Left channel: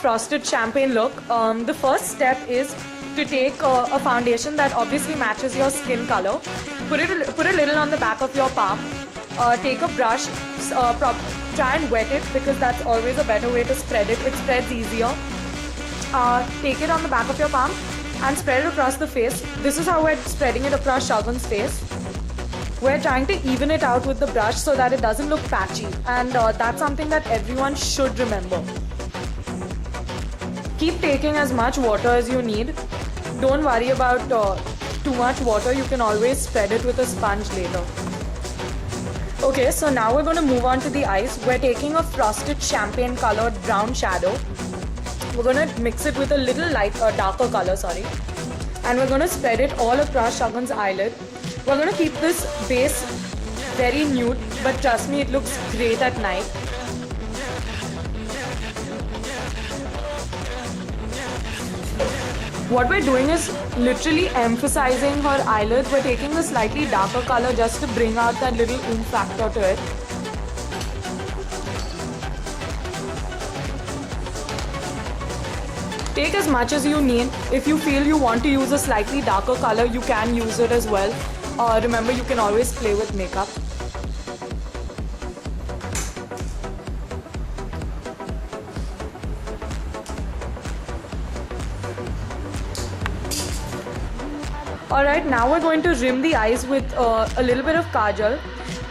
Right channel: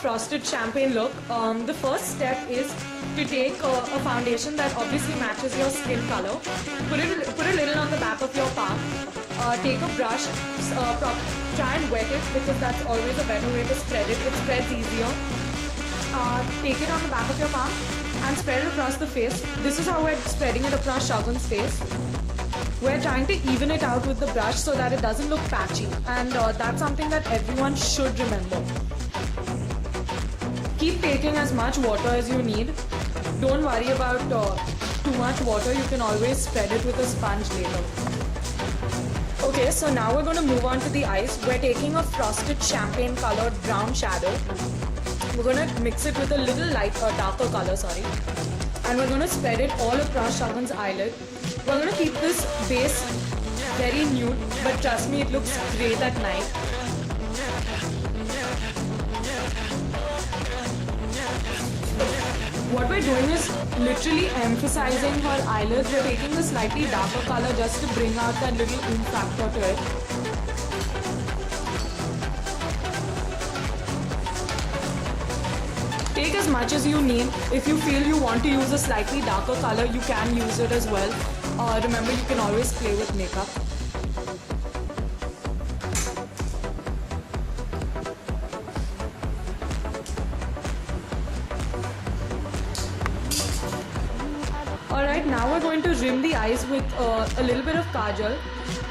frosted champagne look, the first step is to take a foundation that obviously matches your skin color. Put a little on the back of your palm. Take a brush, try and wet it because that's always a better way to spread it. It spreads easier. Take it on the back of your palm and spread it across the face. This is how we're spreading it across Shagun's face. We're trying to even it out with the brush so that it doesn't look patchy, and that's something that everyone should remember. Keep taking as much water as you need. Don't worry about too much water. You can always spread it with a sponge later. Okay, so now we're going to move on to the eyes. We're taking a frosted champagne colored brown shadow. We're going to mix it with a little darker color, and we're going to spread it all across Shagun's eyelid. We're going to keep this base very nude, but trust me, it looks great at night. What we're doing is literally emphasizing her eyelids. We're taking a slightly darker color just to bring out that little oomph factor to it. Take as much as you need. If you feel you want to use a slightly darker color, you can use it as well. Remember, you can always play with makeup. Alright, now we're going to rim the eyes with a little bit of kajal.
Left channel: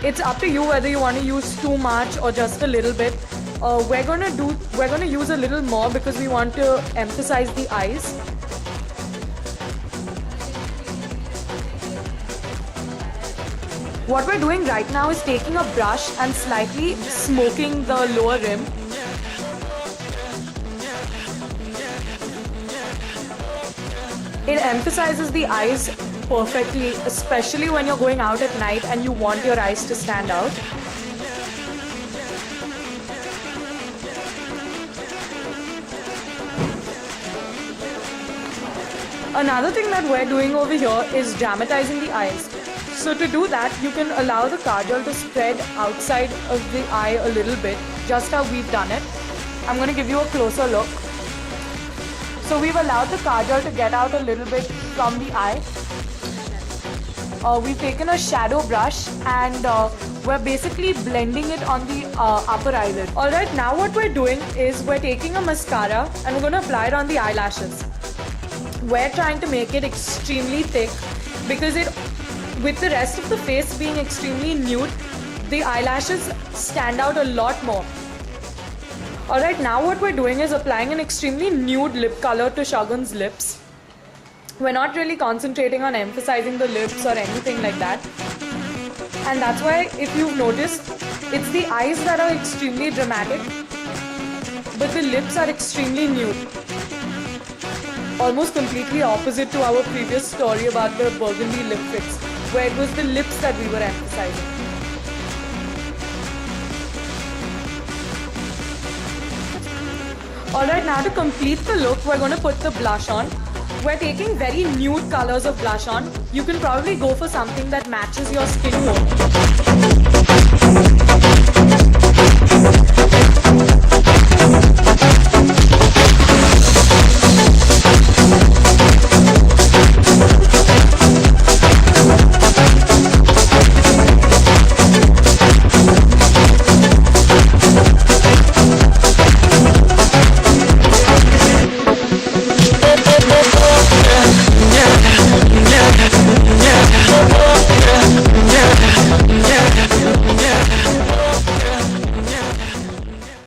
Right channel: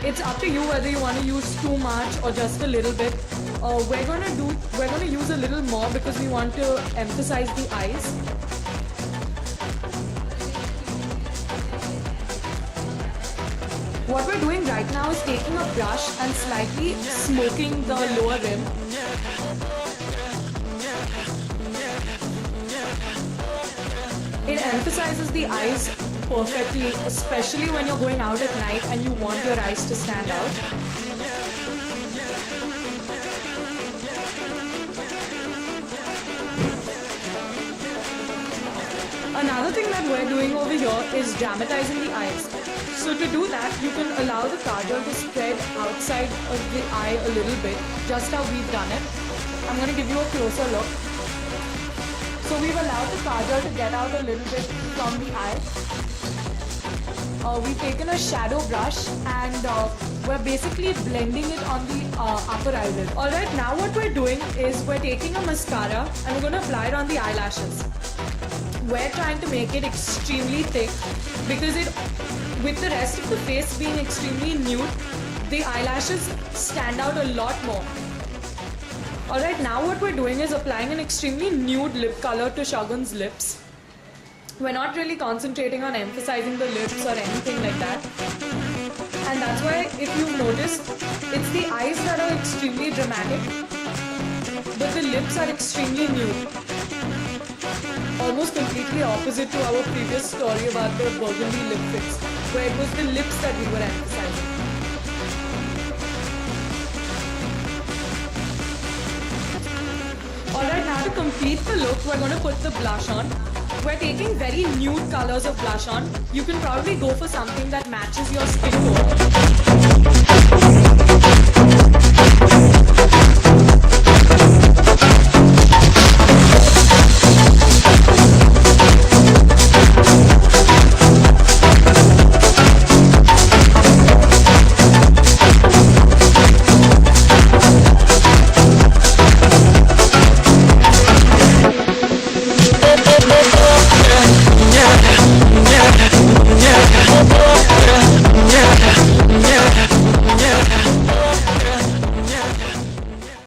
It's up to you whether you want to use too much or just a little bit. We're going to use a little more because we want to emphasize the eyes. What we're doing right now is taking a brush and slightly smoking the lower rim. It emphasizes the eyes perfectly, especially when you're going out at night and you want your eyes to stand out. Another thing that we're doing over here is dramatizing the eyes. So to do that, you can allow the kajal to spread outside of the eye a little bit, just how we've done it. I'm going to give you a closer look. So we've allowed the kajal to get out a little bit from the eye. We've taken a shadow brush and we're basically blending it on the upper eyelid. Alright, now what we're doing is we're taking a mascara and we're going to apply it on the eyelashes. We're trying to make it extremely thick because with the rest of the face being extremely nude, the eyelashes stand out a lot more. Alright, now what we're doing is applying an extremely nude lip color to Shagun's lips. We're not really concentrating on emphasizing the lips or anything like that. And that's why, if you've noticed, it's the eyes that are extremely dramatic, but the lips are extremely nude. Almost completely opposite to our previous story about the burgundy lip fits, where it was the lips that we were emphasizing. Alright, now to complete the look, we're going to put the blush on. We're taking very nude colors of blush on. You can probably go for something that matches your skin tone.